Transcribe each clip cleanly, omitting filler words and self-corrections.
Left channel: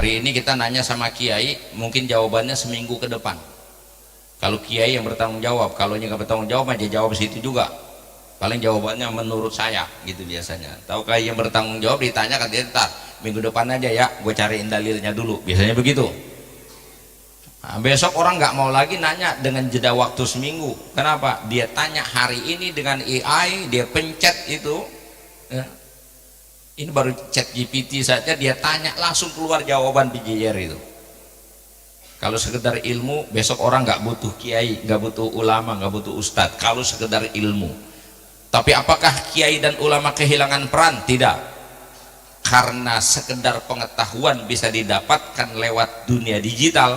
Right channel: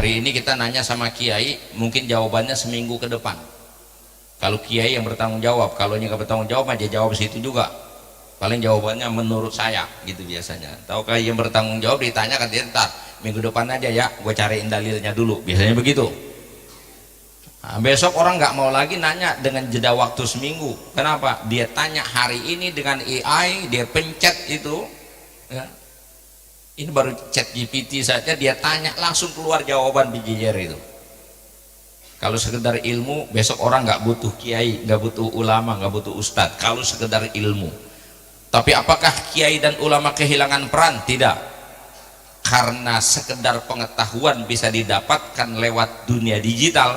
Hari ini kita nanya sama kiai, mungkin jawabannya seminggu ke depan. Kalau kiai yang bertanggung jawab, kalau yang nggak bertanggung jawab aja jawab situ juga. Paling jawabannya menurut saya gitu biasanya. Tahu kiai yang bertanggung jawab ditanya kan dia ntar minggu depan aja ya, gue cariin dalilnya dulu. Biasanya begitu. Nah, besok orang nggak mau lagi nanya dengan jeda waktu seminggu. Kenapa? Dia tanya hari ini dengan AI, dia pencet itu. Ya. Ini baru chat GPT saja dia tanya langsung keluar jawaban BJR itu. Kalau sekedar ilmu, besok orang nggak butuh kiai, nggak butuh ulama, nggak butuh ustadz. Kalau sekedar ilmu. Tapi apakah kiai dan ulama kehilangan peran? Tidak. Karena sekedar pengetahuan bisa didapatkan lewat dunia digital.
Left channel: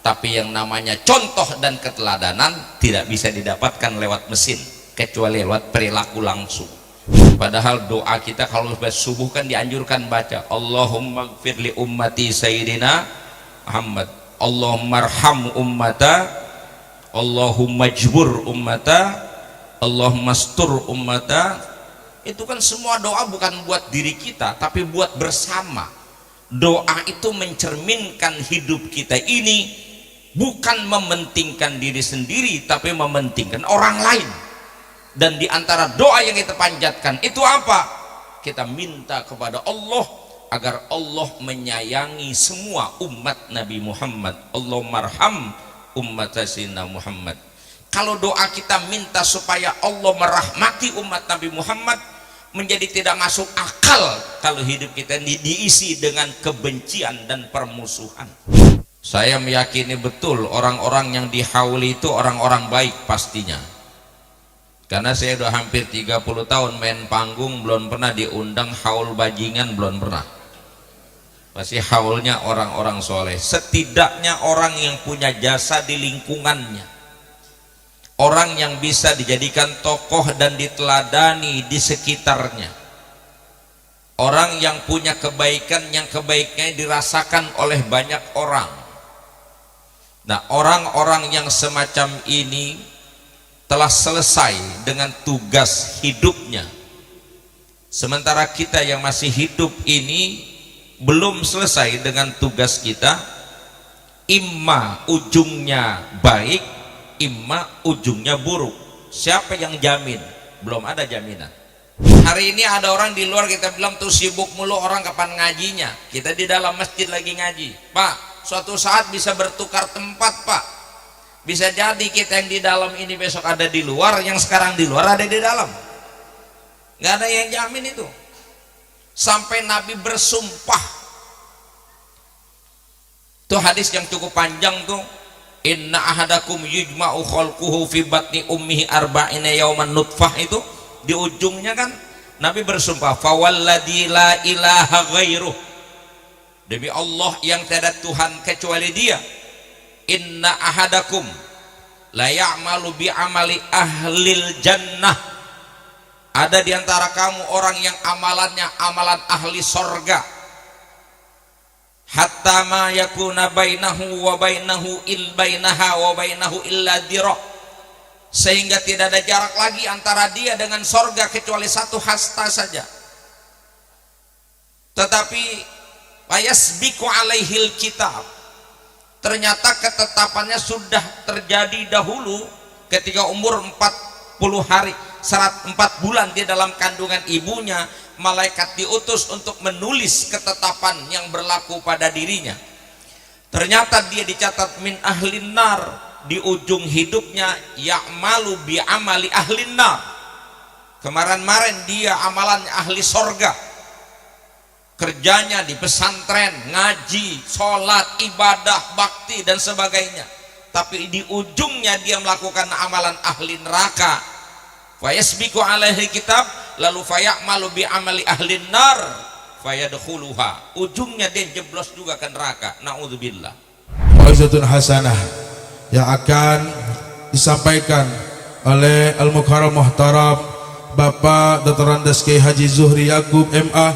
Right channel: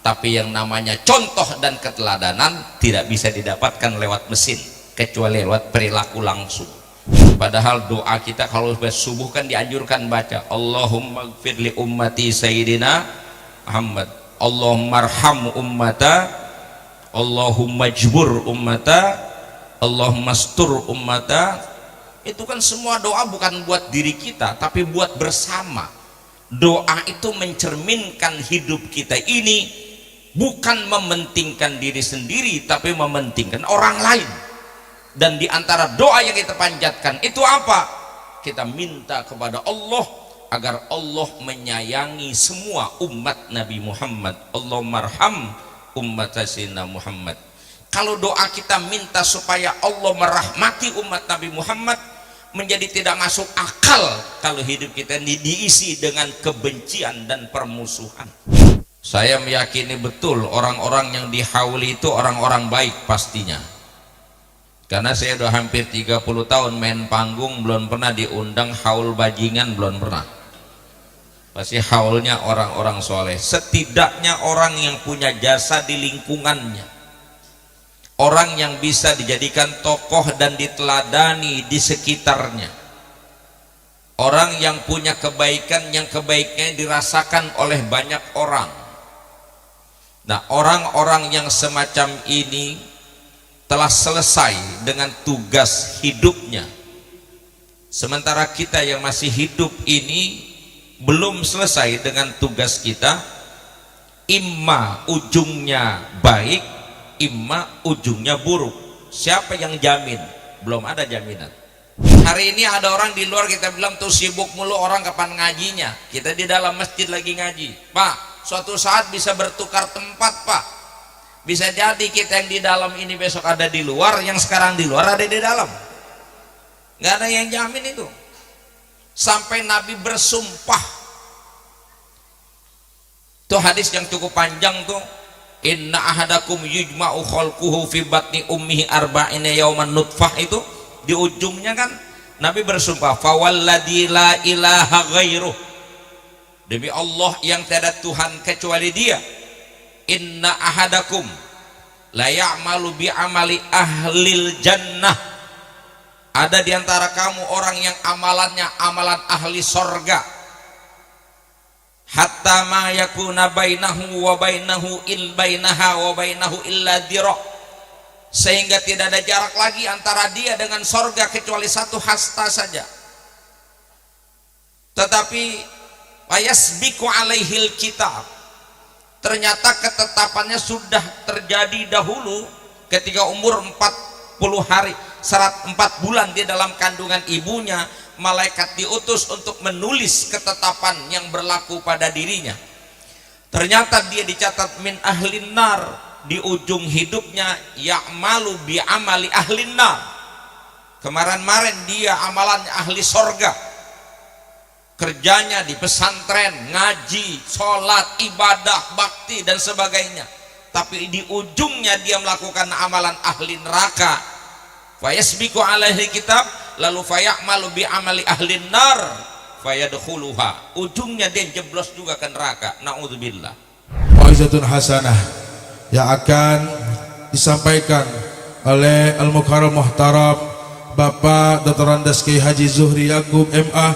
Tapi yang namanya contoh dan keteladanan tidak bisa didapatkan lewat mesin, kecuali lewat perilaku langsung. Padahal doa kita kalau subuh kan dianjurkan baca Allahumma gfir li ummati sayyidina Muhammad, Allahumma arham ummata, Allahumma jbur ummata, Allahumma stur ummata. Itu kan semua doa bukan buat diri kita tapi buat bersama. Doa itu mencerminkan hidup kita ini bukan mementingkan diri sendiri tapi mementingkan orang lain. Dan di antara doa yang kita panjatkan itu apa? Kita minta kepada Allah agar Allah menyayangi semua umat Nabi Muhammad. Allahumma arham ummat Sayyidina Muhammad. Kalau doa kita minta supaya Allah merahmati umat Nabi Muhammad, menjadi tidak masuk akal kalau hidup kita ini diisi dengan kebencian dan permusuhan. Saya meyakini betul orang-orang yang dihauli itu orang-orang baik pastinya. Karena saya udah hampir 30 tahun main panggung, belum pernah diundang haul bajingan, belum pernah. Pasti haulnya orang-orang soleh. Setidaknya orang yang punya jasa di lingkungannya, orang yang bisa dijadikan tokoh dan diteladani di sekitarnya, orang yang punya kebaikan yang kebaiknya dirasakan oleh banyak orang. Nah, orang-orang yang semacam ini telah selesai dengan tugas hidupnya, sementara kita yang masih hidup ini belum selesai dengan tugas kita. Imma ujungnya baik, imma ujungnya buruk. Siapa yang jamin? Belum ada jaminan. Hari ini ada orang di luar, kita bilang tuh sibuk mulu, orang kapan ngajinya? Kita di dalam masjid lagi ngaji. Pak, suatu saat bisa bertukar tempat, Pak. Bisa jadi kita yang di dalam ini besok ada di luar, yang sekarang di luar ada di dalam. Nggak ada yang jamin itu. Sampai Nabi bersumpah. Itu hadis yang cukup panjang tuh. Inna ahadakum yujma'u khalquhu fi batni ummihi arba'ina yawman nutfah, itu di ujungnya kan Nabi bersumpah, fawalladzi la ilaha ghairuh, demi Allah yang tiada Tuhan kecuali Dia. Inna ahadakum la ya'malu bi amali ahlil jannah, ada di antara kamu orang yang amalannya amalan ahli sorga. Hatta ma yakuna bainahu wa bainahu bainaha wa bainahu illa dira, sehingga tidak ada jarak lagi antara dia dengan sorga kecuali satu hasta saja. Tetapi wayasbiqu alaihil kitab, ternyata ketetapannya sudah terjadi dahulu ketika umur 40 hari, 4 bulan di dalam kandungan ibunya. Malaikat diutus untuk menulis ketetapan yang berlaku pada dirinya. Ternyata dia dicatat min ahlin nar, di ujung hidupnya ya'malu bi amali ahlin nar. Kemarin-marin dia amalannya ahli sorga, kerjanya di pesantren, ngaji, sholat, ibadah, bakti dan sebagainya. Tapi di ujungnya dia melakukan amalan ahli neraka. Fayasbiqu alaihi kitab, lalu fayamalu bi amali ahlin nar fayadkhuluha, ujungnya dia jeblos juga ke neraka. Naudzubillah. Wa'izatun hasanah yang akan disampaikan oleh Al-Mukarram Muhtaram Bapak Dr. Andes Kiai Haji Zuhri Yaqub MA,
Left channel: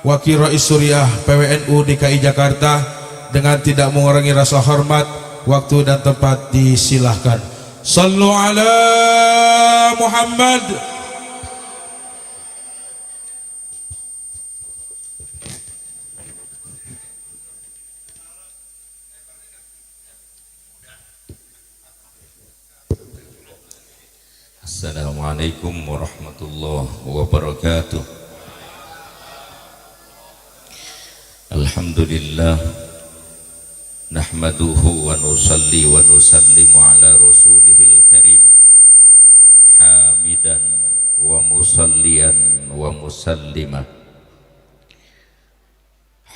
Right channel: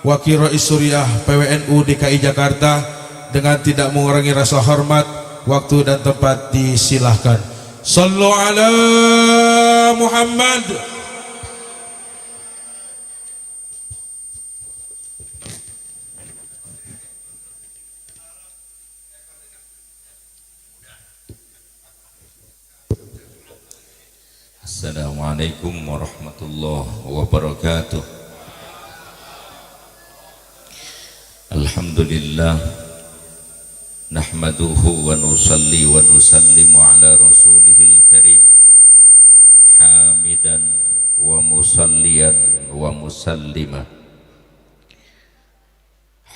Wakil Rais Suriah PWNU DKI Jakarta. Dengan tidak mengurangi rasa hormat, waktu dan tempat disilahkan. Sallu ala Muhammad. Assalamualaikum warahmatullahi wabarakatuh. Alhamdulillah nahmaduhu wa nusalli wa nusallimu ala rasulihil karim hamidan wa musalliyan wa musallimah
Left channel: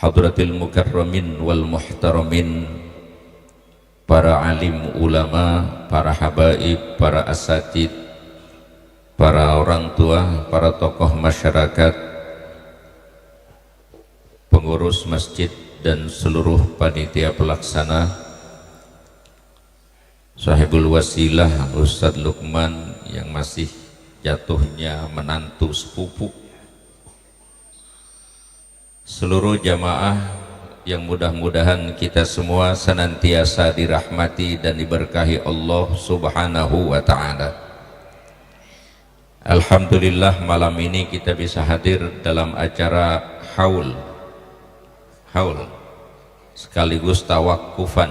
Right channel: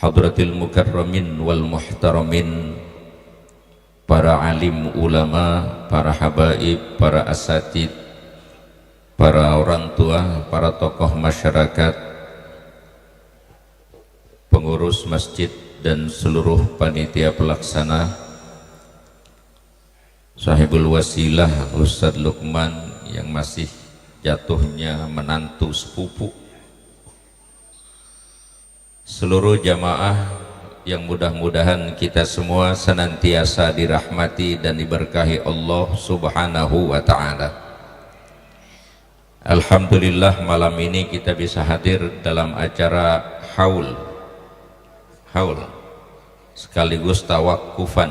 hadratil mukarramin wal muhtaramin, para alim ulama, para habaib, para asatid, para orang tua, para tokoh masyarakat, pengurus masjid dan seluruh panitia pelaksana, sahibul wasilah Ustadz Lukman yang masih jatuhnya menantu sepupu, seluruh jamaah yang mudah-mudahan kita semua senantiasa dirahmati dan diberkahi Allah Subhanahu wa ta'ala. Alhamdulillah malam ini kita bisa hadir dalam acara haul sekaligus tawakufan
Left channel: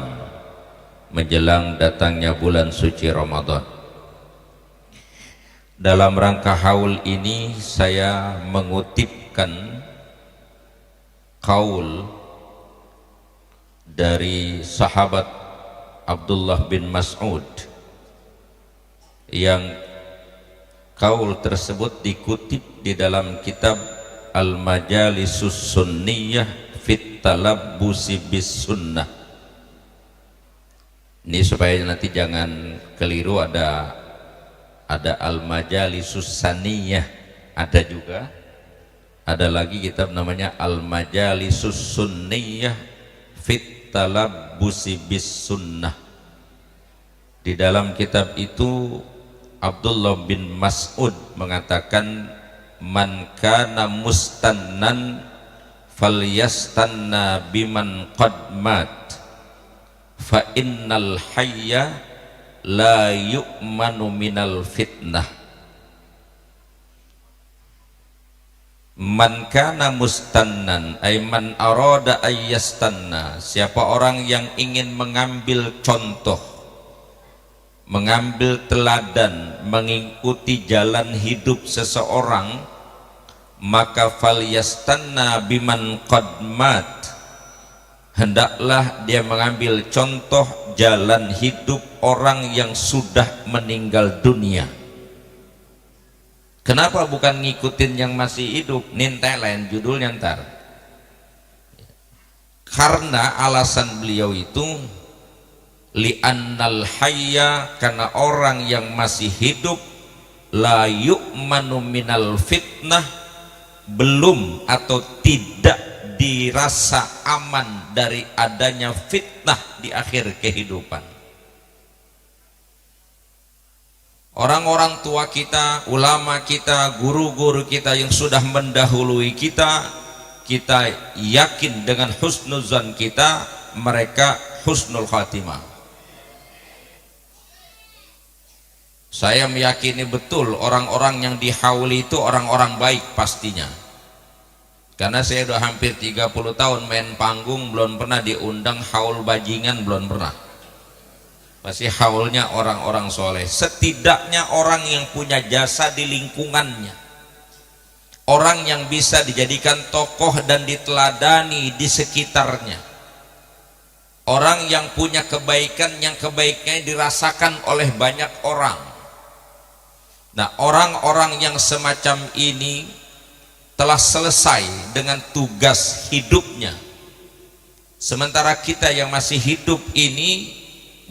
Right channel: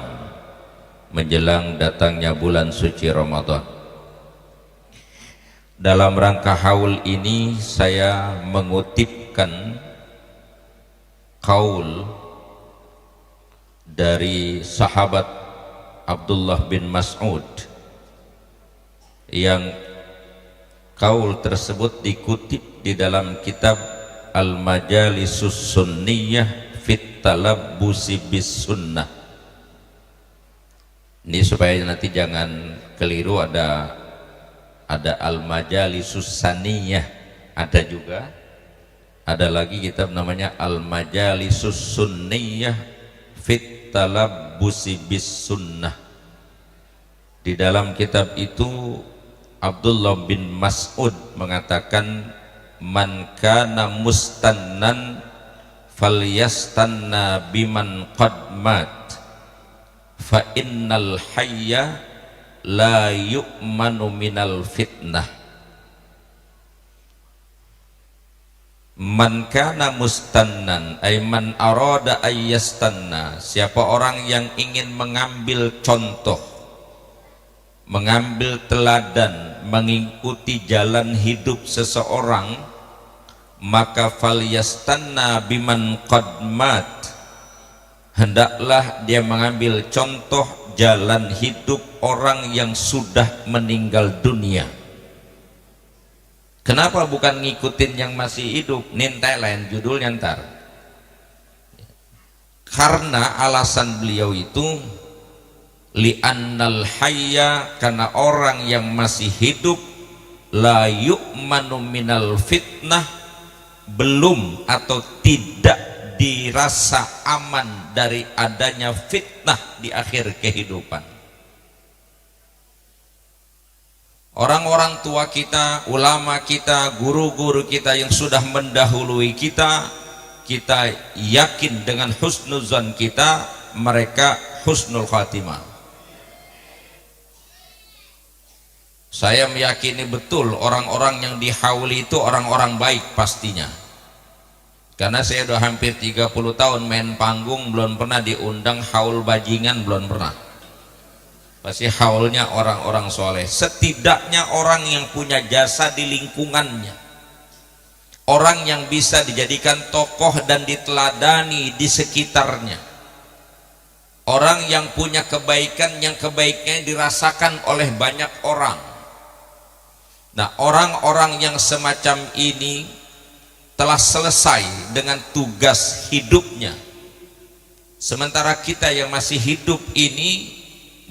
menjelang datangnya bulan suci Ramadan. Dalam rangka haul ini saya mengutipkan qaul dari sahabat Abdullah bin Mas'ud yang qaul tersebut dikutip di dalam kitab Al-Majalisus Sunniyah fit Talabbusi bis Sunnah. Ini supaya nanti jangan keliru, ada Al-Majalisus Saniyah, ada juga, ada lagi kitab namanya Al-Majalisus Sunniyah fit Talabbusi bis Sunnah. Di dalam kitab itu Abdullah bin Mas'ud mengatakan, man kana mustannan falyastanna biman qad mat fa innal hayya la yu'manu minal fitnah. Man kana mustannan ay man arada ayyastanna, siapa orang yang ingin mengambil contoh, mengambil teladan, mengikuti jalan hidup seseorang, maka falyastanna biman qad mat, hendaklah dia mengambil contoh jalan hidup orang yang sudah meninggal dunia. Kenapa bukan ngikutin yang masih hidup? Nintai lain judulnya ntar. Karena alasan beliau itu li'annal hayya, karena orang yang masih hidup, la yu'manu minal fitnah, belum atau tidak dirasa aman dari adanya fitnah di akhir kehidupan. Orang-orang tua kita, ulama kita, guru-guru kita yang sudah mendahului kita, kita yakin dengan husnuzan kita, mereka husnul khatimah. Saya meyakini betul orang-orang yang dihauli itu orang-orang baik pastinya. Karena saya sudah hampir 30 tahun main panggung, belum pernah diundang haul bajingan, belum pernah. Pasti haulnya orang-orang soleh, setidaknya orang yang punya jasa di lingkungannya, orang yang bisa dijadikan tokoh dan diteladani di sekitarnya, orang yang punya kebaikan yang kebaikannya dirasakan oleh banyak orang. Nah, orang-orang yang semacam ini telah selesai dengan tugas hidupnya, sementara kita yang masih hidup ini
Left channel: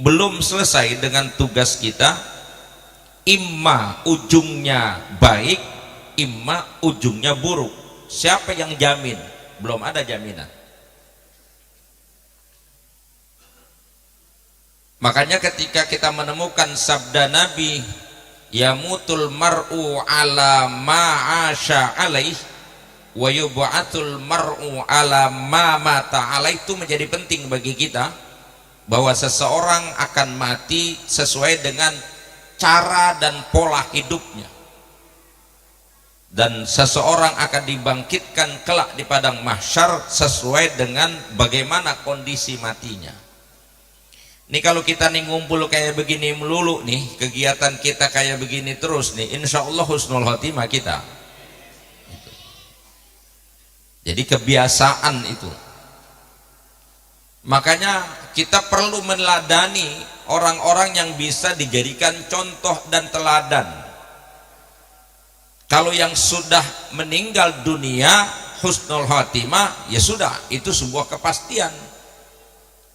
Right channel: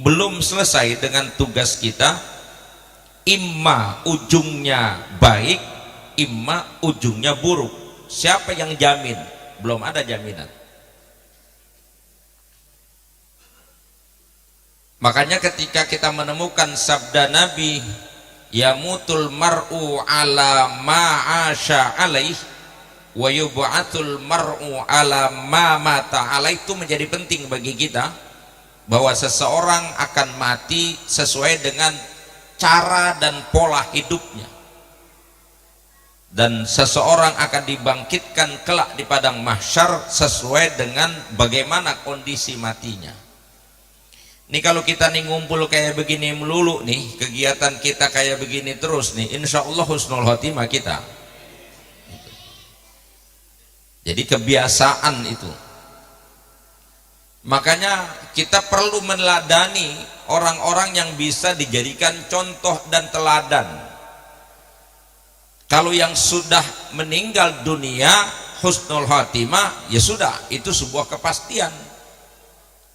belum selesai dengan tugas kita. Imma ujungnya baik, imma ujungnya buruk. Siapa yang jamin? Belum ada jaminan. Makanya ketika kita menemukan sabda Nabi, yamutul mar'u ala ma'asha alaih wa yub'atul mar'u ala ma mata alaih, itu menjadi penting bagi kita, bahwa seseorang akan mati sesuai dengan cara dan pola hidupnya, dan seseorang akan dibangkitkan kelak di padang mahsyar sesuai dengan bagaimana kondisi matinya. Ini kalau kita nih ngumpul kayak begini melulu nih, kegiatan kita kayak begini terus nih, insya Allah husnul khotimah kita. Jadi kebiasaan itu. Makanya kita perlu meneladani orang-orang yang bisa dijadikan contoh dan teladan. Kalau yang sudah meninggal dunia husnul khotimah, ya sudah, itu sebuah kepastian.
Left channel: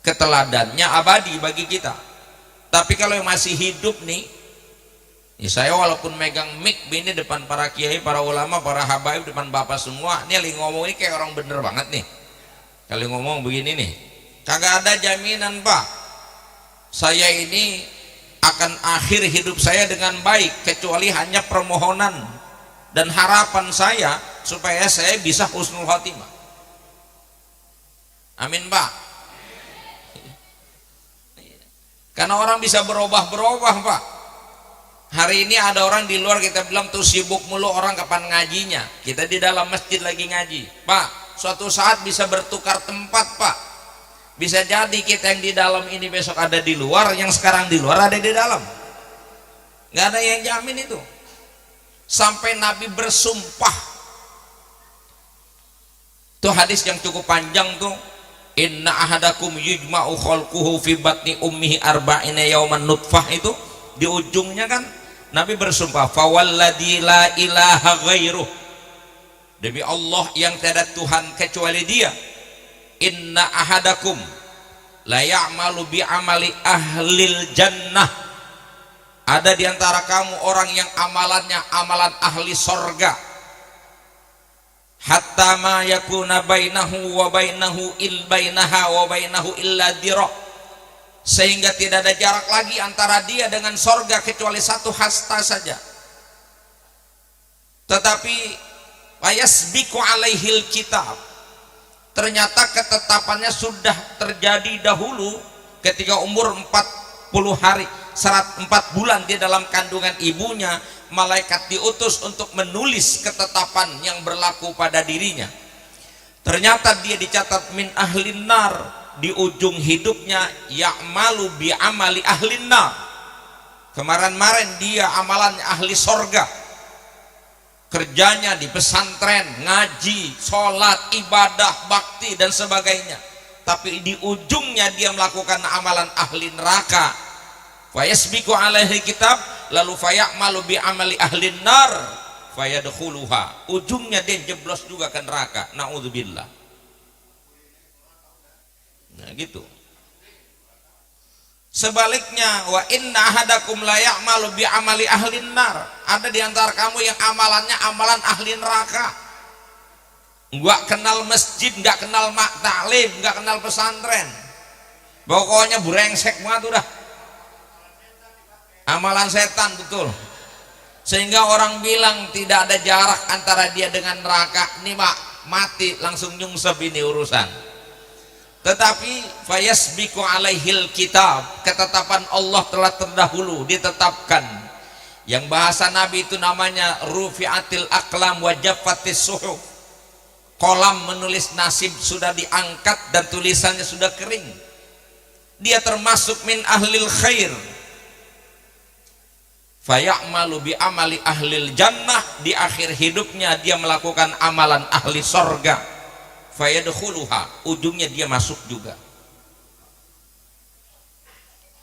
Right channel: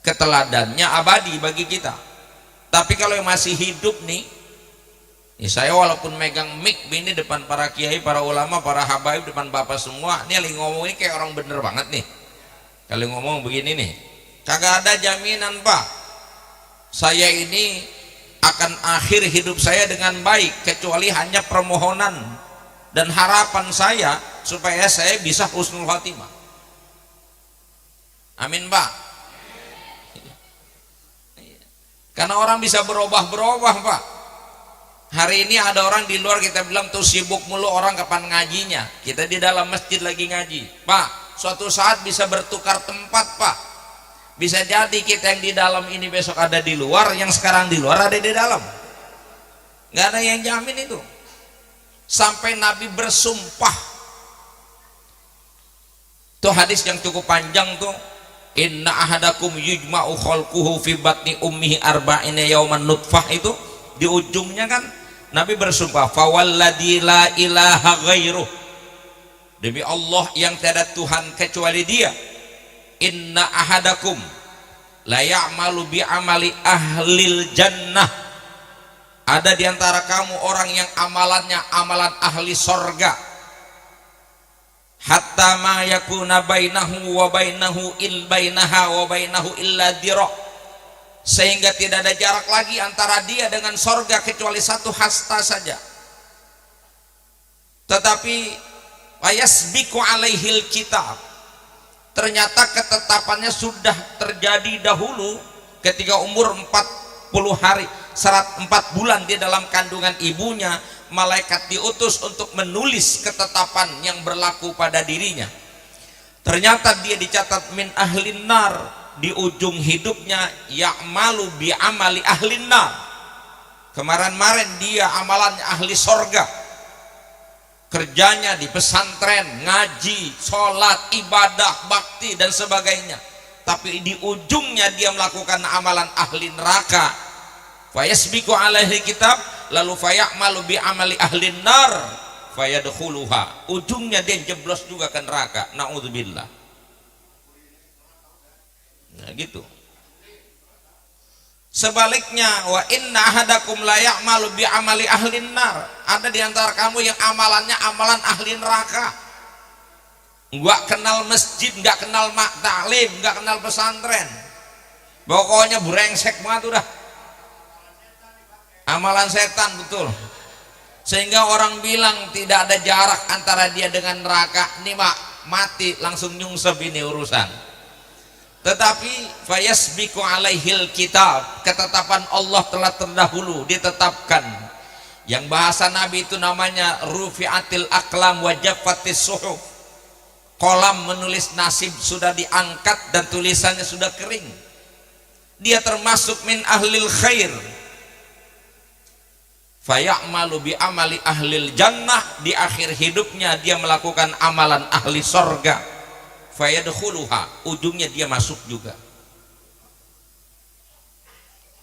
Keteladannya abadi bagi kita. Tapi kalau yang masih hidup nih, saya walaupun megang mic ini depan para kiai, para ulama, para habaib, depan bapak semua, ini lagi ngomong ini kayak orang bener banget nih. Kalau ngomong begini nih, kagak ada jaminan Pak, saya ini akan akhir hidup saya dengan baik, kecuali hanya permohonan dan harapan saya supaya saya bisa husnul khotimah. Amin Pak. Karena orang bisa berubah-berubah Pak. Hari ini ada orang di luar, kita bilang tuh sibuk mulu, orang kapan ngajinya. Kita di dalam masjid lagi ngaji. Pak, suatu saat bisa bertukar tempat Pak. Bisa jadi kita yang di dalam ini besok ada di luar, yang sekarang di luar ada di dalam. Gak ada yang jamin itu. Sampai Nabi bersumpah. Itu hadis yang cukup panjang tuh. Inna ahadakum yujma'u khalquhu fi batni ummihi arba'ina yawman nutfah, itu di ujungnya kan Nabi bersumpah, fawalladzi la ilaha ghairuh, demi Allah yang tiada Tuhan kecuali Dia, inna ahadakum la ya'malu bi amali ahlil jannah, ada di antara kamu orang yang amalannya amalan ahli sorga, hatta ma yakuna bainahu wa bainahu bainaha wa bainahu illa dhira', sehingga tidak ada jarak lagi antara dia dengan sorga kecuali satu hasta saja. Tetapi wayasbiqu alaihil kitab, ternyata ketetapannya sudah terjadi dahulu ketika umur 40 hari 4 bulan di dalam kandungan ibunya, malaikat diutus untuk menulis ketetapan yang berlaku pada dirinya. Ternyata dia dicatat min ahlin nar, di ujung hidupnya ya'malu bi amali ahlin nar. Kemarin-marin dia amalannya ahli sorga, kerjanya di pesantren, ngaji, sholat, ibadah, bakti dan sebagainya. Tapi di ujungnya dia melakukan amalan ahli neraka. Fayasbiqu alaihi kitab, lalu fayamalu bi amali ahlin nar fayadkhuluha, ujungnya dia jeblos juga ke neraka, naudzubillah. Nah gitu. Sebaliknya, wa inna ahadakum la ya'malu bi amali ahlin nar, ada di antara kamu yang amalannya amalan ahli neraka. Enggak kenal masjid, enggak kenal taklim, enggak kenal pesantren, pokoknya brengsek banget udah. Amalan setan, betul. Sehingga orang bilang tidak ada jarak antara dia dengan neraka. Ini Pak, mati langsung nyungsep ini urusan. Tetapi fayasbiqu alaihil kitab, ketetapan Allah telah terdahulu ditetapkan. Yang bahasa Nabi itu namanya rufi'atil aqlam wa jaffatis suhuf. Kolam menulis nasib sudah diangkat dan tulisannya sudah kering. Dia termasuk min ahlil khair. Fayamalu bi amali ahlil jannah, di akhir hidupnya dia melakukan amalan ahli sorga. Fayadkhuluha, ujungnya dia masuk juga.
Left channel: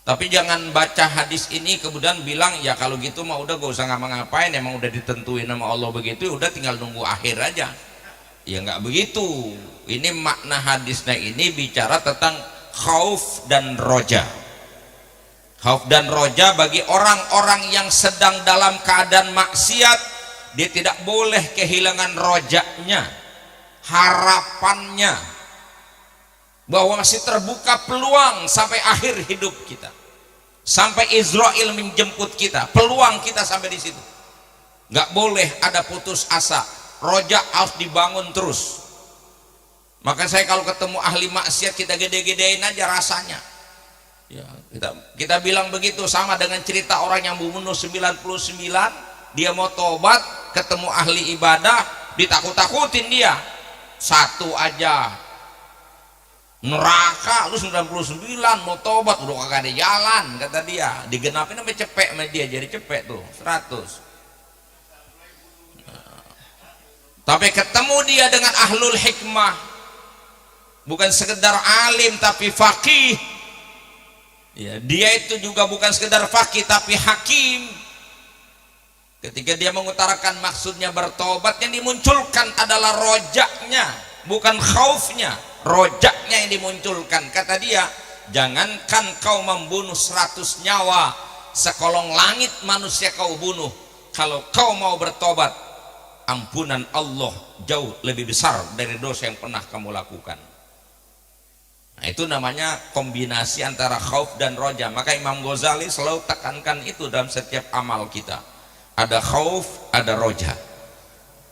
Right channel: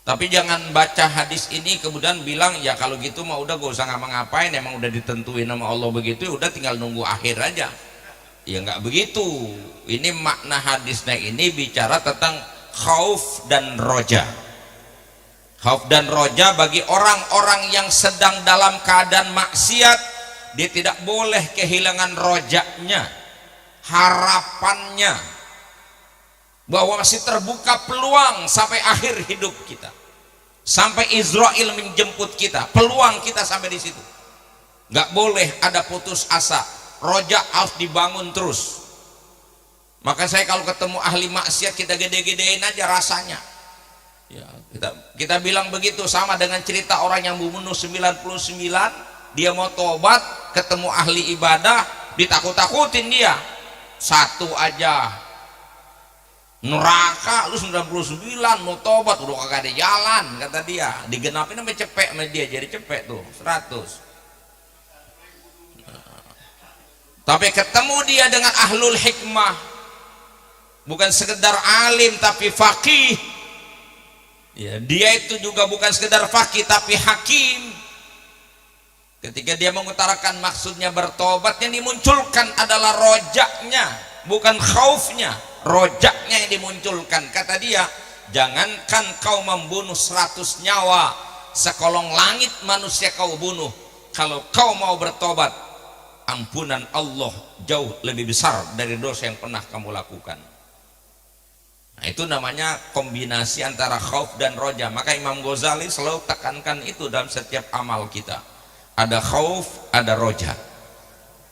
Tapi jangan baca hadis ini kemudian bilang ya kalau gitu mah udah gak usah ngapa-ngapain, emang udah ditentuin sama Allah begitu, ya udah tinggal nunggu akhir aja. Ya nggak begitu. Ini makna hadisnya ini bicara tentang khauf dan roja. Khauf dan roja bagi orang-orang yang sedang dalam keadaan maksiat, dia tidak boleh kehilangan rojanya, harapannya bahwa masih terbuka peluang sampai akhir hidup kita, sampai Israel menjemput kita, peluang kita sampai di situ. Nggak boleh ada putus asa, roja harus dibangun terus. Maka saya kalau ketemu ahli maksiat kita gede-gedein aja rasanya. Ya, kita bilang begitu, sama dengan cerita orang yang membunuh 99, dia mau tobat, ketemu ahli ibadah, ditakut-takutin dia. Satu aja neraka lu 99 mau tobat udah kagak ada jalan kata dia, digenapin sampai cepek sama dia, jadi cepek tuh 100. Tapi ketemu dia dengan ahlul hikmah, bukan sekedar alim tapi faqih ya, dia itu juga bukan sekedar faqih tapi hakim. Ketika dia mengutarakan maksudnya bertobat, yang dimunculkan adalah rojaknya, bukan khaufnya, rojaknya yang dimunculkan. Kata dia, jangankan kau membunuh 100 nyawa, sekolong langit manusia kau bunuh, kalau kau mau bertobat, ampunan Allah jauh lebih besar dari dosa yang pernah kamu lakukan. Nah, itu namanya kombinasi antara khauf dan roja. Maka Imam Ghazali selalu tekankan itu dalam setiap amal kita. Ada khauf, ada roja.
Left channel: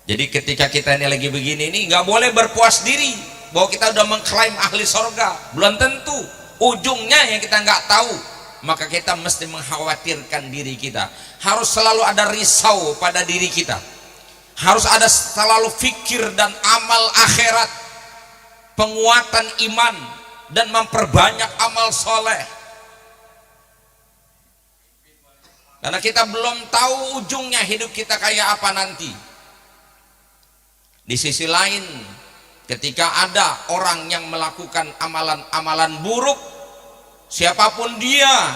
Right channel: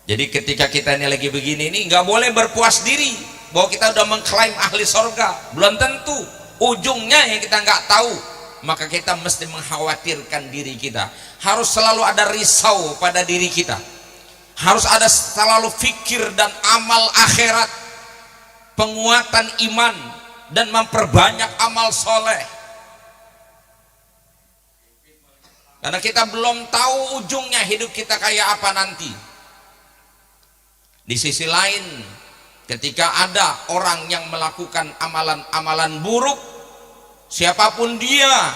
Jadi ketika kita ini lagi begini ini, nggak boleh berpuas diri bahwa kita udah mengklaim ahli sorga. Belum tentu, ujungnya yang kita nggak tahu. Maka kita mesti mengkhawatirkan diri kita. Harus selalu ada risau pada diri kita. Harus ada selalu fikir dan amal akhirat, penguatan iman, dan memperbanyak amal soleh. Karena kita belum tahu ujungnya hidup kita kayak apa nanti. Di sisi lain, ketika ada orang yang melakukan amalan-amalan buruk, siapapun dia,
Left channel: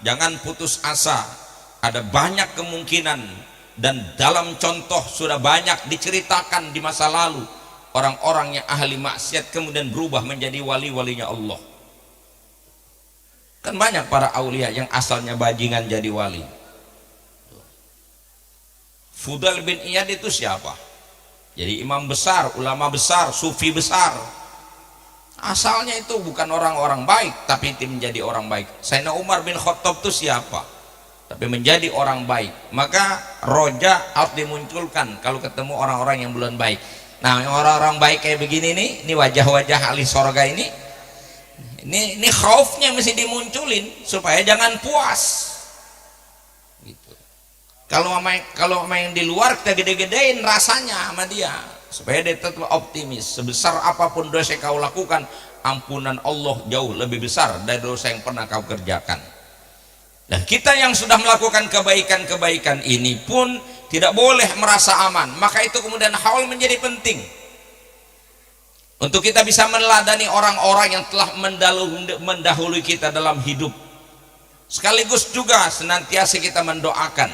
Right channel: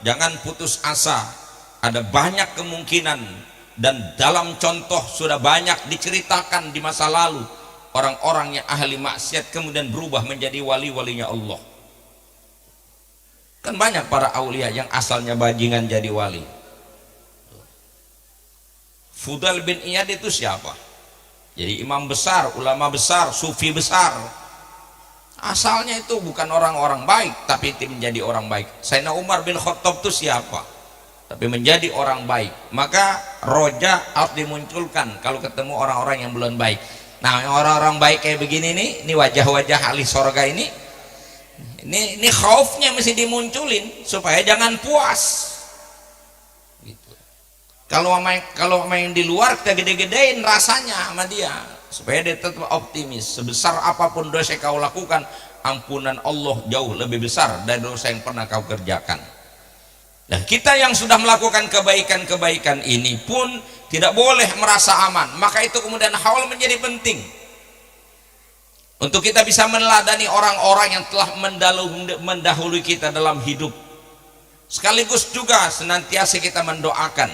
jangan putus asa. Ada banyak kemungkinan, dan dalam contoh sudah banyak diceritakan di masa lalu, orang-orang yang ahli maksiat kemudian berubah menjadi wali-walinya Allah. Kan banyak para aulia yang asalnya bajingan jadi wali. Fudail bin Iyad itu siapa? Jadi imam besar, ulama besar, sufi besar. Asalnya itu bukan orang-orang baik, tapi menjadi orang baik. Sayyidina Umar bin Khattab itu siapa? Tapi menjadi orang baik. Maka roja harus dimunculkan kalau ketemu orang-orang yang belum baik. Nah, orang-orang baik kayak begini nih, ini wajah-wajah ahli sorga ini. Ini khaufnya mesti dimunculin supaya jangan puas. Gitu. Kalau main di luar kita gede-gedein rasanya sama dia supaya dia tetap optimis. Sebesar apapun dosa yang kau lakukan, ampunan Allah jauh lebih besar dari dosa yang pernah kau kerjakan. Dan kita yang sudah melakukan kebaikan-kebaikan ini pun tidak boleh merasa aman. Maka itu kemudian haul menjadi penting. Untuk kita bisa meneladani orang-orang yang telah mendahului kita dalam hidup. Sekaligus juga senantiasa kita mendoakan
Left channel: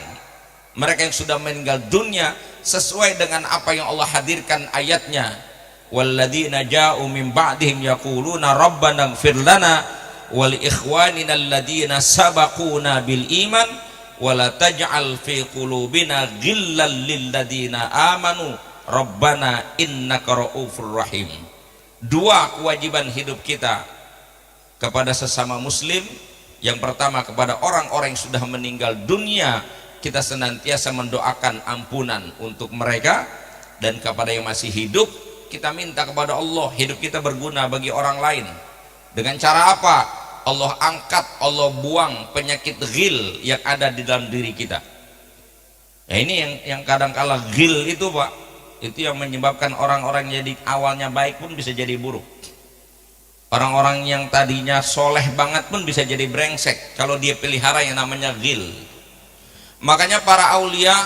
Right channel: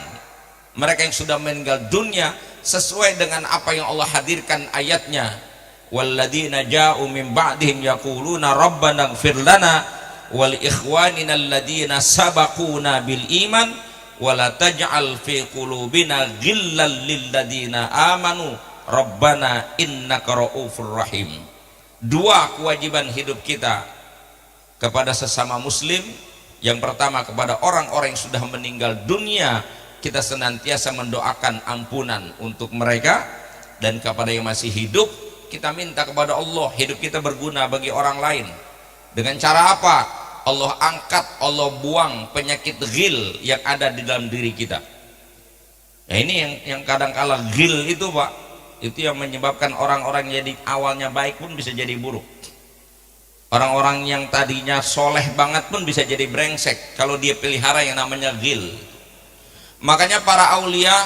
mereka yang sudah meninggal dunia sesuai dengan apa yang Allah hadirkan ayatnya. Walladzina ja'u min ba'dihim yaquluna rabbana ighfir lana wa li ikhwanina alladzina sabaquna bil iman wa la taj'al fi qulubina ghillan lil ladzina amanu rabbana innaka ra'ufur rahim. Dua kewajiban hidup kita kepada sesama muslim. Yang pertama, kepada orang-orang yang sudah meninggal dunia, kita senantiasa mendoakan ampunan untuk mereka. Dan kepada yang masih hidup, kita minta kepada Allah hidup kita berguna bagi orang lain. Dengan cara apa? Allah angkat, Allah buang penyakit ghil yang ada di dalam diri kita. Nah, ini yang kadang-kala ghil itu, Pak, itu yang menyebabkan orang-orang jadi awalnya baik pun bisa jadi buruk. Orang-orang yang tadinya soleh banget pun bisa jadi brengsek kalau dia pelihara yang namanya ghil. Makanya para aulia,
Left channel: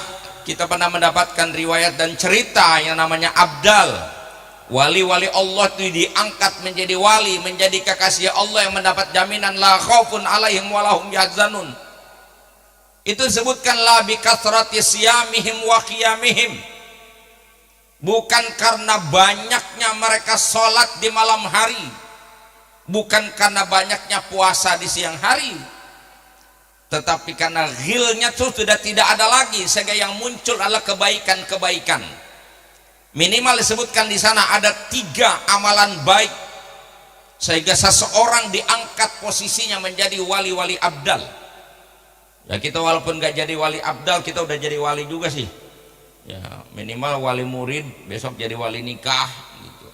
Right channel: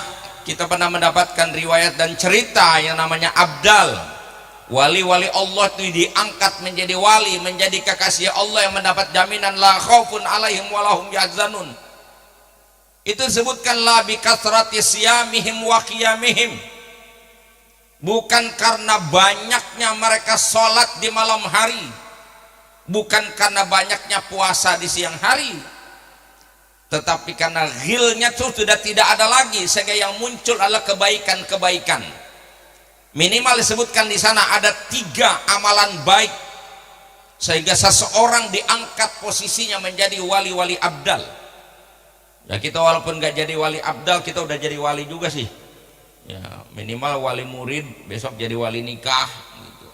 kita pernah mendapatkan riwayat dan cerita yang namanya abdal. Wali-wali Allah itu diangkat menjadi wali, menjadi kekasih Allah yang mendapat jaminan la khaufun alaihim walahum yahzanun. Itu disebutkan la bi kasrati siyamihim wa qiyamihim. Bukan karena banyaknya mereka sholat di malam hari, bukan karena banyaknya puasa di siang hari, tetapi karena ghilnya itu sudah tidak ada lagi, sehingga yang muncul adalah kebaikan-kebaikan. Minimal disebutkan di sana ada 3 amalan baik sehingga seseorang diangkat posisinya menjadi wali-wali abdal. Ya, kita walaupun gak jadi wali abdal, kita udah jadi wali juga sih. Ya, minimal wali murid, besok jadi wali nikah gitu.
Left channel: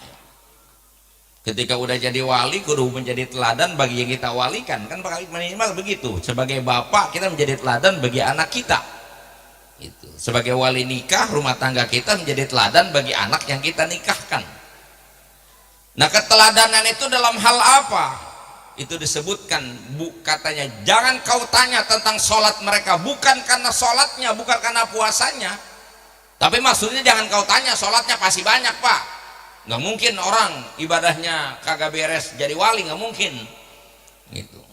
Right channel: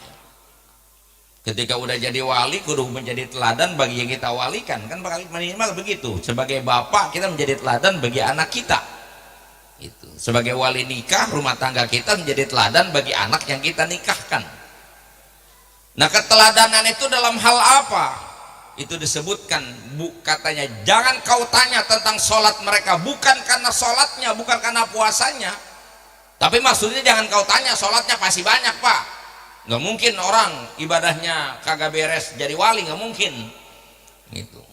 Ketika udah jadi wali, kudu menjadi teladan bagi yang kita walikan, kan minimal begitu. Sebagai bapak kita menjadi teladan bagi anak kita gitu. Sebagai wali nikah, rumah tangga kita menjadi teladan bagi anak yang kita nikahkan. Nah, keteladanan itu dalam hal apa? Itu disebutkan, katanya jangan kau tanya tentang sholat mereka, bukan karena sholatnya, bukan karena puasanya, tapi maksudnya jangan kau tanya sholatnya pasti banyak pak. Nggak mungkin orang ibadahnya kagak beres jadi wali, nggak mungkin gitu.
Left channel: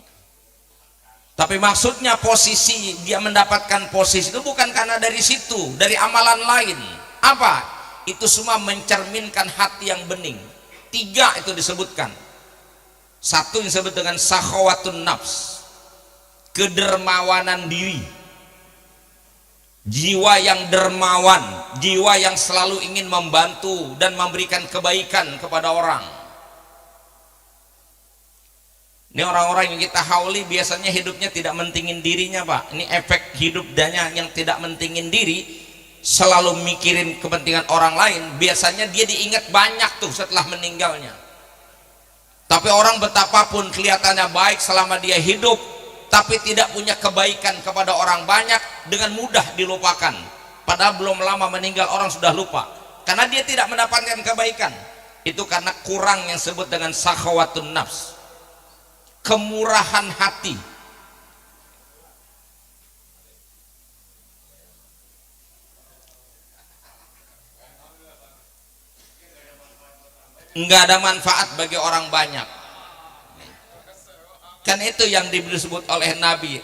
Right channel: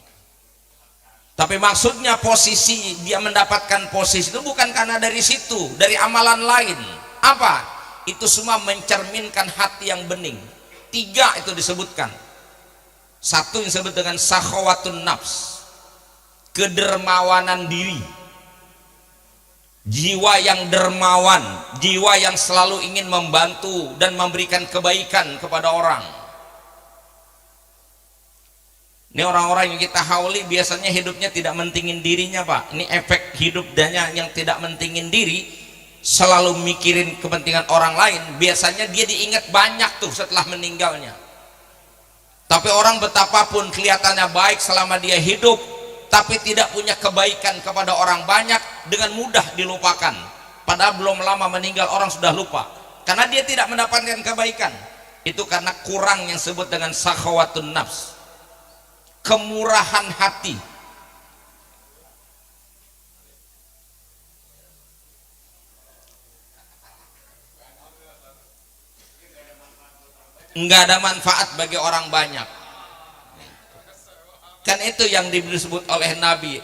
Tapi maksudnya posisi dia mendapatkan posisi itu bukan karena dari situ, dari amalan lain. Apa? Itu semua mencerminkan hati yang bening. 3 itu disebutkan. 1 yang disebut dengan sakhawatun nafs, kedermawanan diri, jiwa yang dermawan, jiwa yang selalu ingin membantu dan memberikan kebaikan kepada orang. Ini orang-orang yang kita hauli biasanya hidupnya tidak mentingin dirinya pak. Ini efek hidupnya yang tidak mentingin diri, selalu mikirin kepentingan orang lain. Biasanya dia diingat banyak tuh setelah meninggalnya. Tapi orang betapapun kelihatannya baik selama dia hidup, tapi tidak punya kebaikan kepada orang banyak, dengan mudah dilupakan. Padahal belum lama meninggal orang sudah lupa, karena dia tidak mendapatkan kebaikan. Itu karena kurang yang disebut dengan sakhawatun nafs, kemurahan hati. Enggak ada manfaat bagi orang banyak. Kan itu yang disebut oleh Nabi,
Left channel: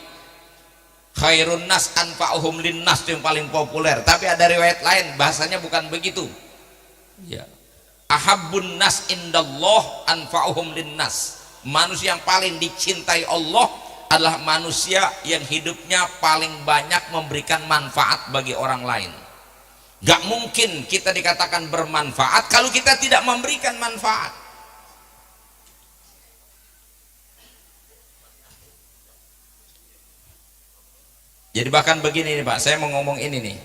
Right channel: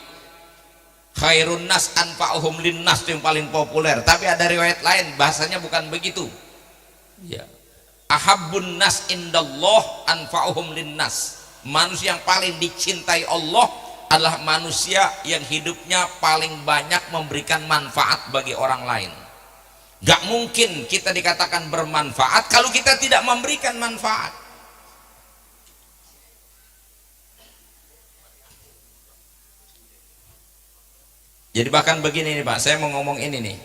khairun nas anfa'uhum linnas, itu yang paling populer. Tapi ada riwayat lain bahasanya bukan begitu ya. Ahabbun nas indallah anfa'uhum linnas. Manusia yang paling dicintai Allah adalah manusia yang hidupnya paling banyak memberikan manfaat bagi orang lain. Gak mungkin kita dikatakan bermanfaat kalau kita tidak memberikan manfaat. Jadi bahkan begini nih Pak, saya mau ngomong ini nih.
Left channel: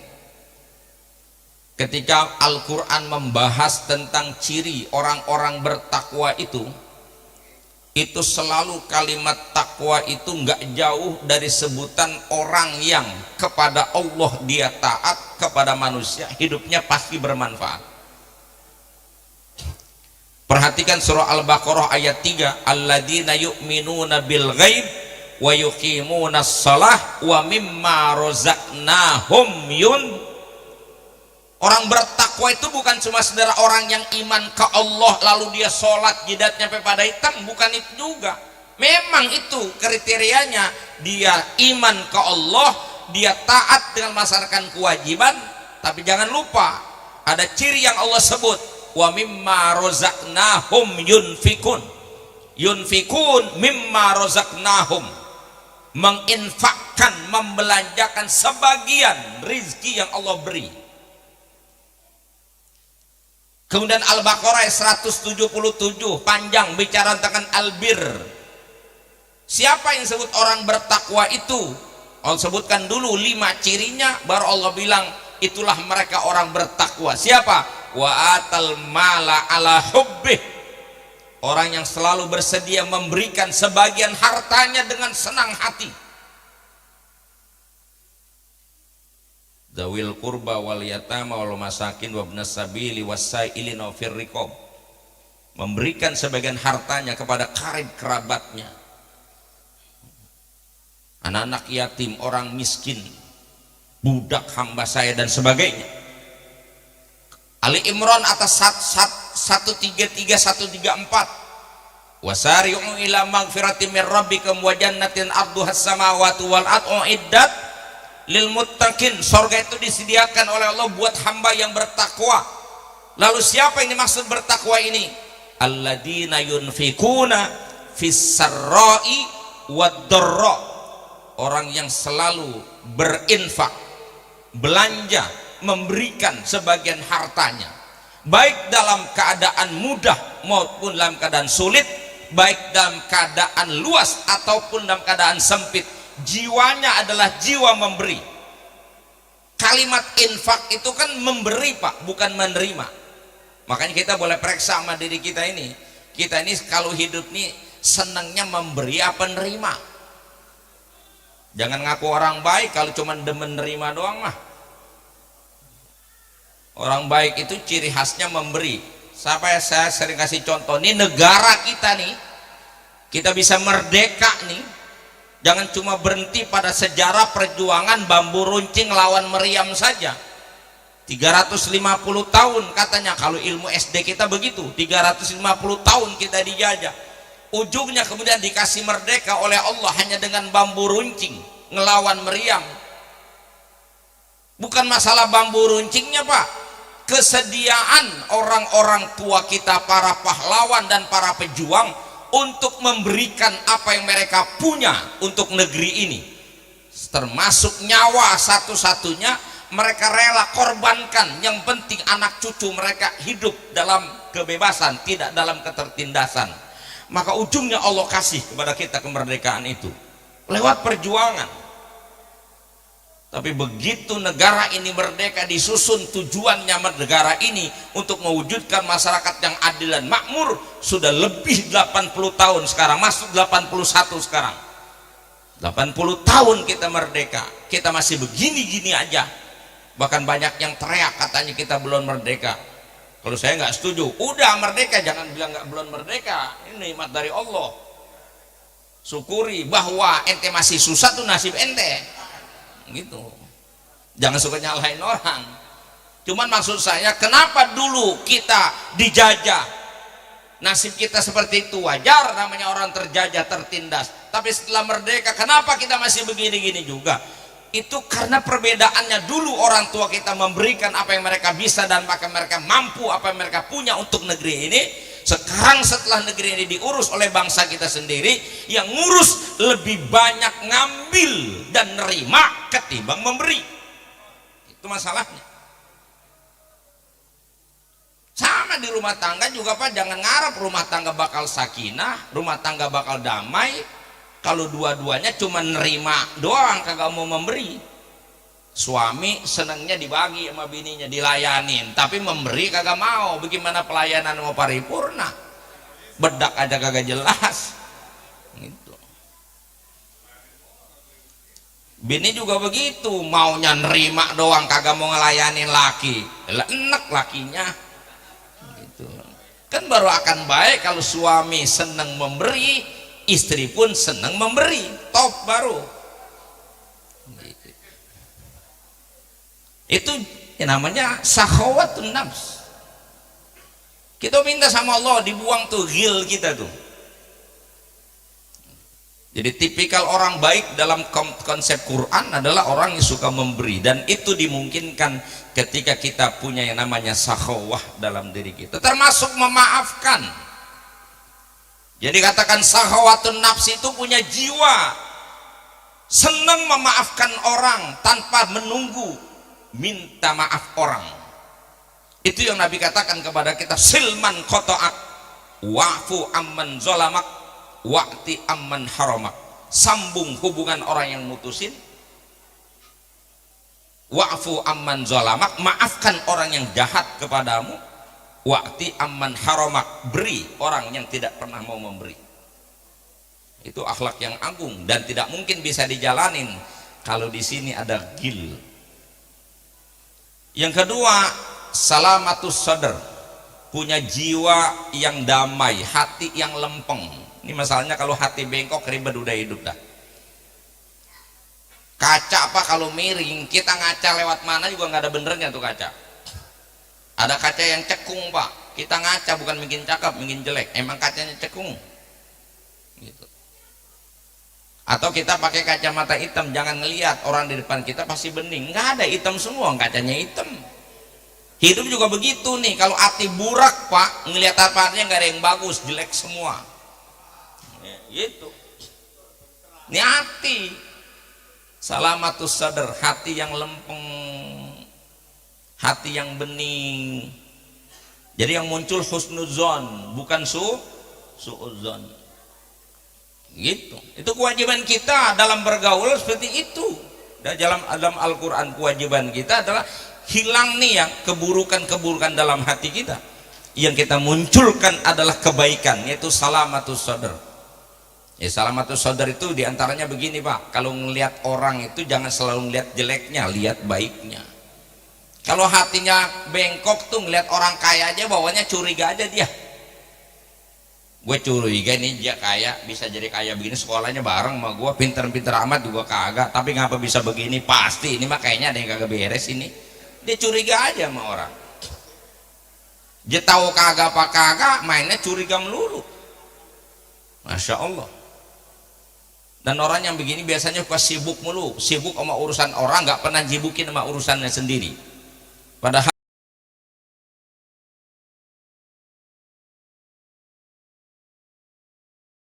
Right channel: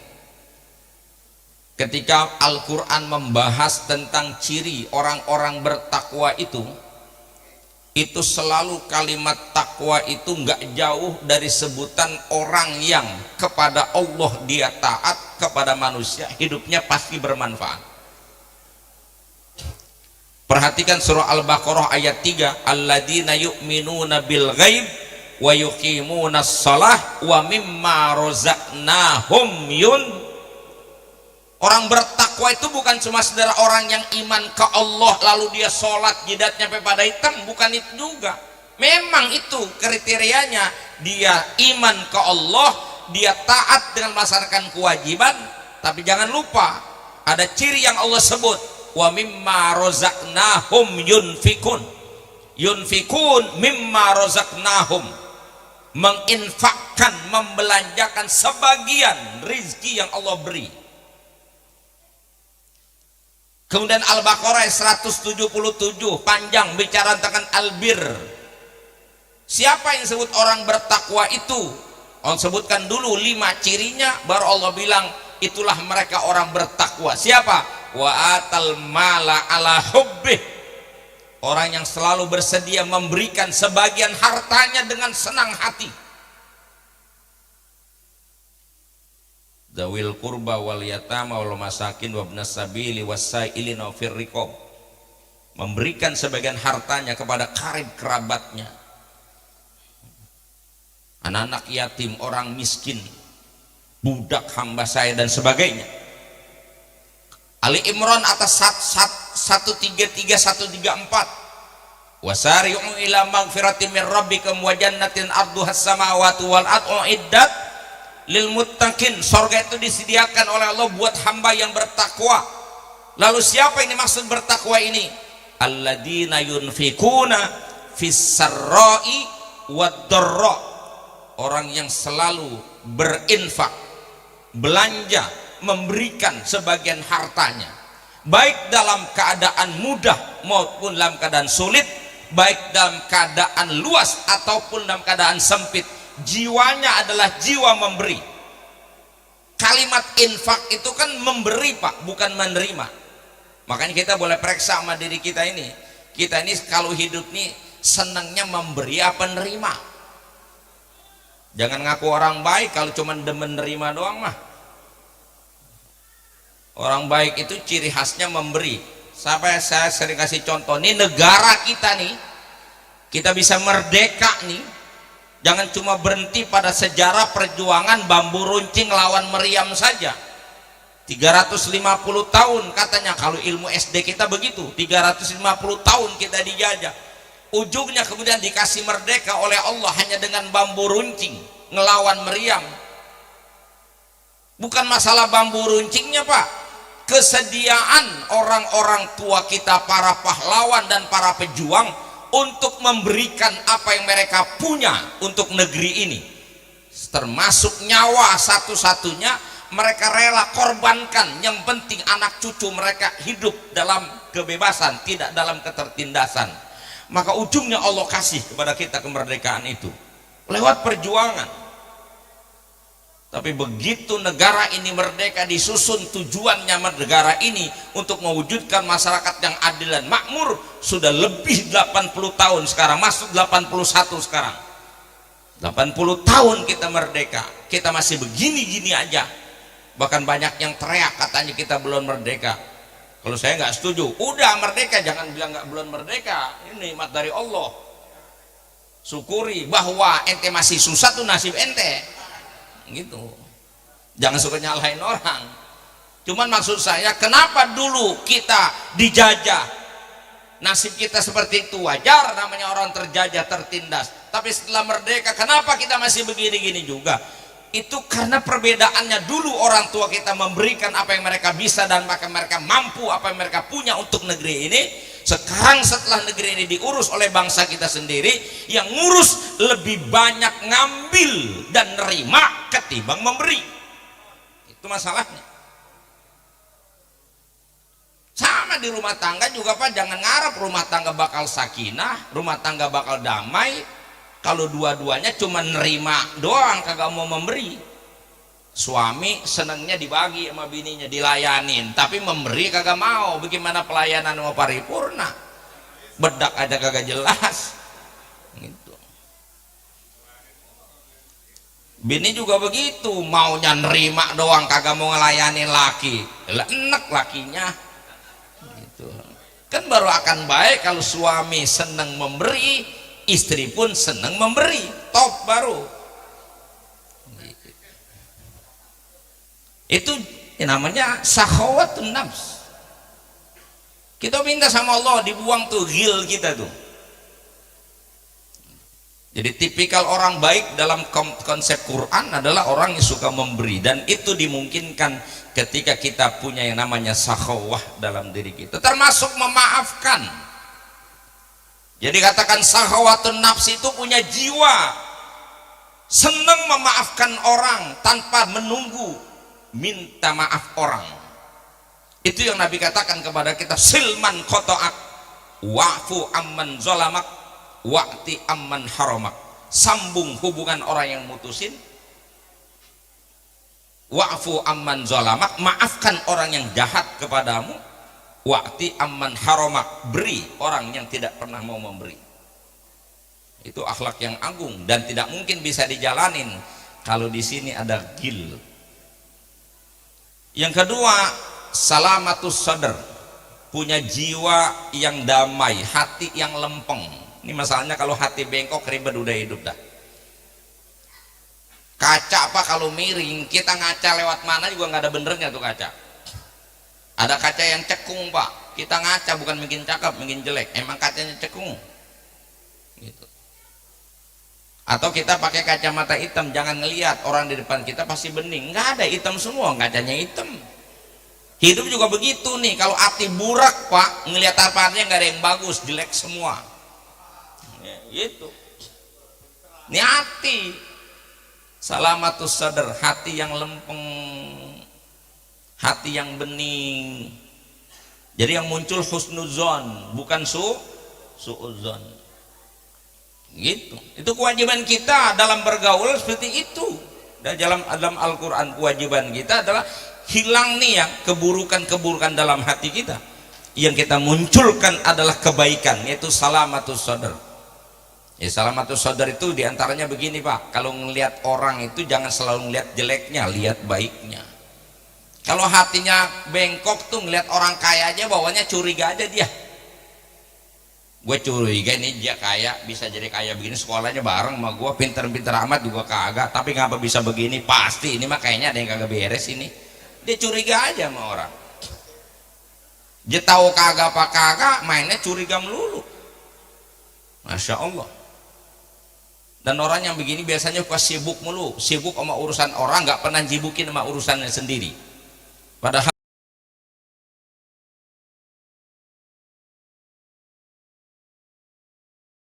Ketika Al-Quran membahas tentang ciri orang-orang bertakwa itu selalu kalimat takwa itu nggak jauh dari sebutan orang yang kepada Allah dia taat, kepada manusia hidupnya pasti bermanfaat. Perhatikan surah Al-Baqarah ayat 3, alladzina yu'minuna bil ghaib wa yuqimunas shalah wa mimma razaqnahum yun. Orang bertakwa itu bukan cuma saudara orang yang iman ke Allah lalu dia sholat jidatnya sampai pada hitam, bukan itu juga. Memang itu kriterianya, dia iman ke Allah, dia taat dengan melaksanakan kewajiban, tapi jangan lupa ada ciri yang Allah sebut, wa mimma razaqnahum yunfikun. Yunfikun mimma razaqnahum, menginfakkan, membelanjakan sebagian rizki yang Allah beri. Kemudian Al-Baqarah 177 panjang bicara tentang albir. Siapa yang disebut orang bertakwa itu? Allah sebutkan dulu 5 cirinya, baru Allah bilang itulah mereka orang bertakwa. Siapa? Wa atal mala ala hubbih, orang yang selalu bersedia memberikan sebagian hartanya dengan senang hati. Zawil qurba wal yatama wal masakin wabnas sabili wasailina fir riqab, memberikan sebagian hartanya kepada karib kerabatnya, anak-anak yatim, orang miskin, budak hamba saya dan sebagainya. Ali Imran atas 133 134, wasari'u ila magfiratin min rabbikum wa jannatin arduhas samawati wal ardu iddat lil muttaqin. Surga itu disediakan oleh Allah buat hamba yang bertakwa. Lalu siapa ini maksud bertakwa ini? Alladzina yunfikuna fis sarra'i wad dharra, orang yang selalu berinfak, belanja, memberikan sebagian hartanya, baik dalam keadaan mudah maupun dalam keadaan sulit, baik dalam keadaan luas ataupun dalam keadaan sempit. Jiwanya adalah jiwa memberi. Kalimat infak itu kan memberi Pak, bukan menerima. Makanya kita boleh periksa sama diri kita ini. Kita ini kalau hidup nih senangnya memberi apa nerima? Jangan ngaku orang baik kalau cuma demen nerima doang mah. Orang baik itu ciri khasnya memberi. Sampai saya sering kasih contoh, nih negara kita nih, kita bisa merdeka nih, jangan cuma berhenti pada sejarah perjuangan bambu runcing lawan meriam saja. 350 tahun katanya, kalau ilmu SD kita begitu, 350 tahun kita dijajah. Ujungnya kemudian dikasih merdeka oleh Allah hanya dengan bambu runcing ngelawan meriam. Bukan masalah bambu runcingnya, Pak. Kesediaan orang-orang tua kita, para pahlawan dan para pejuang untuk memberikan apa yang mereka punya untuk negeri ini, termasuk nyawa satu-satunya mereka rela korbankan. Yang penting anak cucu mereka hidup dalam kebebasan, tidak dalam ketertindasan. Maka ujungnya Allah kasih kepada kita kemerdekaan itu lewat perjuangan. Tapi begitu negara ini merdeka, disusun tujuannya negara ini untuk mewujudkan masyarakat yang adil dan makmur, sudah lebih 80 tahun sekarang, masuk 81 sekarang. 80 tahun kita merdeka, kita masih begini-gini aja. Bahkan banyak yang teriak katanya kita belum merdeka. Kalau saya nggak setuju, udah merdeka, jangan bilang nggak belum merdeka. Ini nikmat dari Allah. Syukuri bahwa ente masih susah tuh nasib ente. Gitu. Jangan suka nyalahin orang. Cuman maksud saya, kenapa dulu kita dijajah, nasib kita seperti itu? Wajar, namanya orang terjajah, tertindas. Tapi setelah merdeka, kenapa kita masih begini-gini juga? Itu karena perbedaannya. Dulu orang tua kita memberikan apa yang mereka bisa dan maka mereka mampu apa yang mereka punya untuk negeri ini. Sekarang setelah negeri ini diurus oleh bangsa kita sendiri, yang ngurus lebih banyak ngambil dan nerima ketimbang memberi. Itu masalahnya. Sama di rumah tangga juga, Pak, jangan ngarep rumah tangga bakal sakinah, rumah tangga bakal damai kalau dua-duanya cuma nerima doang, kagak mau memberi. Suami senangnya dibagi sama bininya, dilayanin, tapi memberi kagak mau. Bagaimana pelayanan mau paripurna? Bedak aja kagak jelas. Gitu. Bini juga begitu, maunya nerima doang, kagak mau ngelayanin laki. Lah enek lakinya. Gitu. Kan baru akan baik kalau suami senang memberi, istri pun senang memberi. Top baru. Itu namanya sahawatun nafs. Kita minta sama Allah dibuang tuh ghil kita tuh. Jadi tipikal orang baik dalam konsep Quran adalah orang yang suka memberi, dan itu dimungkinkan ketika kita punya yang namanya sahawah dalam diri kita, termasuk memaafkan. Jadi katakan sahawatun nafs itu punya jiwa senang memaafkan orang tanpa menunggu minta maaf orang. Itu yang Nabi katakan kepada kita, silman qata'ak wa'fu amman zalamak wa'ti amman haramak. Sambung hubungan orang yang mutusin, wa'fu amman zalamak, maafkan orang yang jahat kepadamu, wa'ti amman haramak, beri orang yang tidak pernah mau memberi. Itu akhlak yang agung dan tidak mungkin bisa dijalanin kalau di sini ada ghil. Yang kedua, salamatus sadr, punya jiwa yang damai, hati yang lempeng. Ini masalahnya kalau hati bengkok, ribet udah hidup dah. Kaca apa kalau miring, kita ngaca lewat mana juga nggak ada benernya tuh kaca. Ada kaca yang cekung, Pak, kita ngaca bukan bikin cakep, bikin jelek, emang kacanya cekung gitu. Atau kita pakai kacamata hitam, jangan ngelihat orang di depan kita pasti bening, nggak ada, hitam semua, kacanya hitam. Hidup juga begitu nih, kalau hati burak, Pak, ngelihat apa-apanya nggak ada yang bagus, jelek semua. Ya, gitu. Ini hati. Salamatus sadr, hati yang lempeng, hati yang bening. Jadi yang muncul husnuzon, bukan suudzon. Gitu. Itu kewajiban kita dalam bergaul seperti itu. Dalam Al-Quran kewajiban kita adalah hilang nih yang keburukan-keburukan dalam hati kita. Yang kita munculkan adalah kebaikan, yaitu salamatus sadr. Ya, salamatus sadr itu diantaranya begini, Pak. Kalau ngelihat orang itu jangan selalu ngelihat jeleknya, lihat baiknya. Kalau hatinya bengkok tuh ngeliat orang kaya aja bawahnya curiga aja dia. Gue curiga nih dia kaya, bisa jadi kaya begini, sekolahnya bareng sama gue, pinter-pinter amat juga kagak, tapi ngapa bisa begini? Pasti ini mah kayaknya ada yang kagak beres ini. Dia curiga aja sama orang. Dia tahu kagak apa kagak, mainnya curiga melulu. Masya Allah. Dan orang yang begini biasanya suka sibuk mulu, sibuk sama urusan orang, nggak pernah jibukin sama urusannya sendiri. Padahal